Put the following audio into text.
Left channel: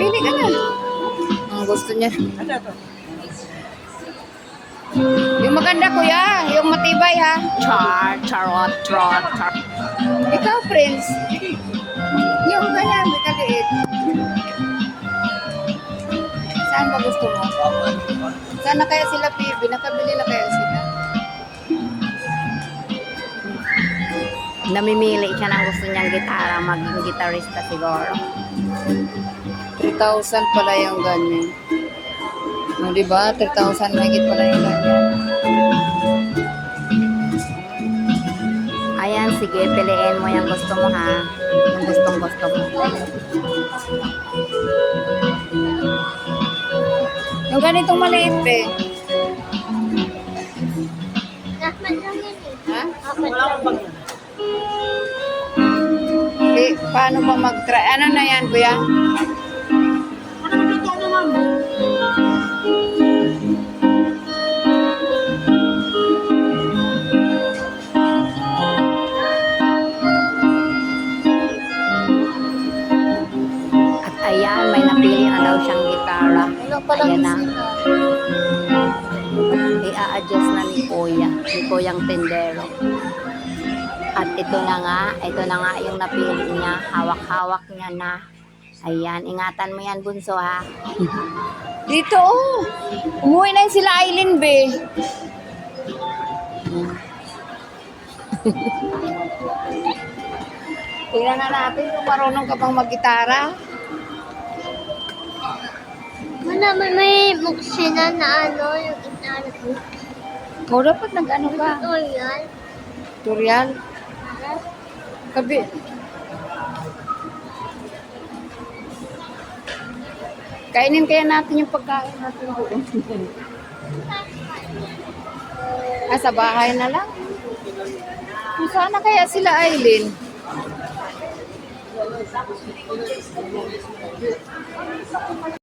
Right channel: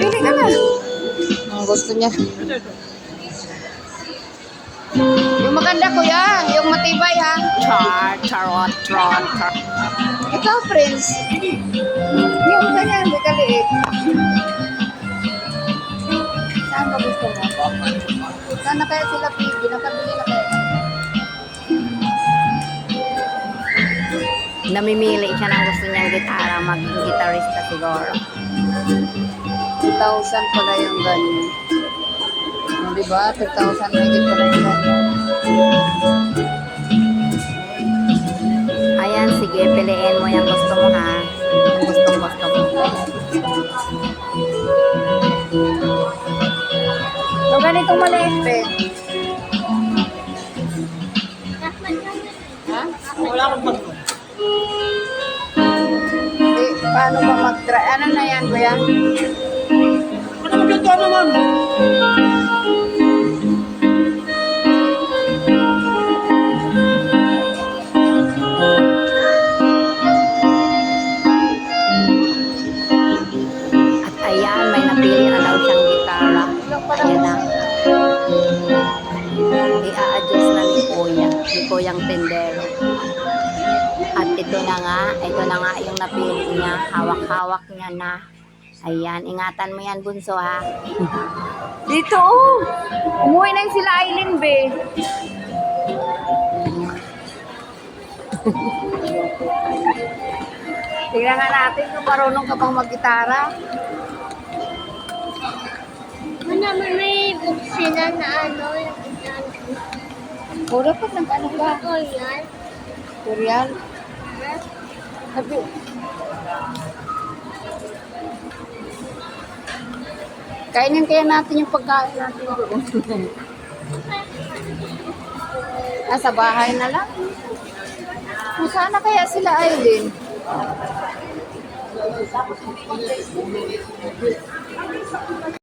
Pili ka na. Ang gusto niya. Yung maganda kuya, yung matibay ha. Charot. Ikaw, Prince. Yung ganyan, may kaliit. Saan ba gusto mo? Saan na kaya sila, Pibi? Nakabili na kaya sila? Namimili siya ng gusto niyang gitara, maging gitarista siguro. 3,000 pala yung ganyan. O, diba? 3,000 mahigit pala yung ganyan. Ayan, sige, piliin mo yung gusto mo ha. Yung gustong-gusto mo. Yung ganitong maliit, pe. Ha? Wala akong bag. Eh, paano ba mag-try? Ano na yan, kuya? Ano magluto naman? At ayan, may napili na daw siyang gitara. Ayan na. I-a-adjust na ni Kuyang Tendero. At ito na nga yung napili niya. Hawak-hawak niya na. Ayan, ingatan mo yan, bunso ha. Dito oh. Umuwi na yung sila Aileen, be. Tingnan nga natin kung marunong ka pang mag-gitara. May buksina na ano, yung itan ko. O, dapat nag-ano ka? Tutorial. Tutorial? Kabi. Kainin kaya natin yung pagkain natin doon. Sa bahay na lang. Kung sana kaya sila Aileen?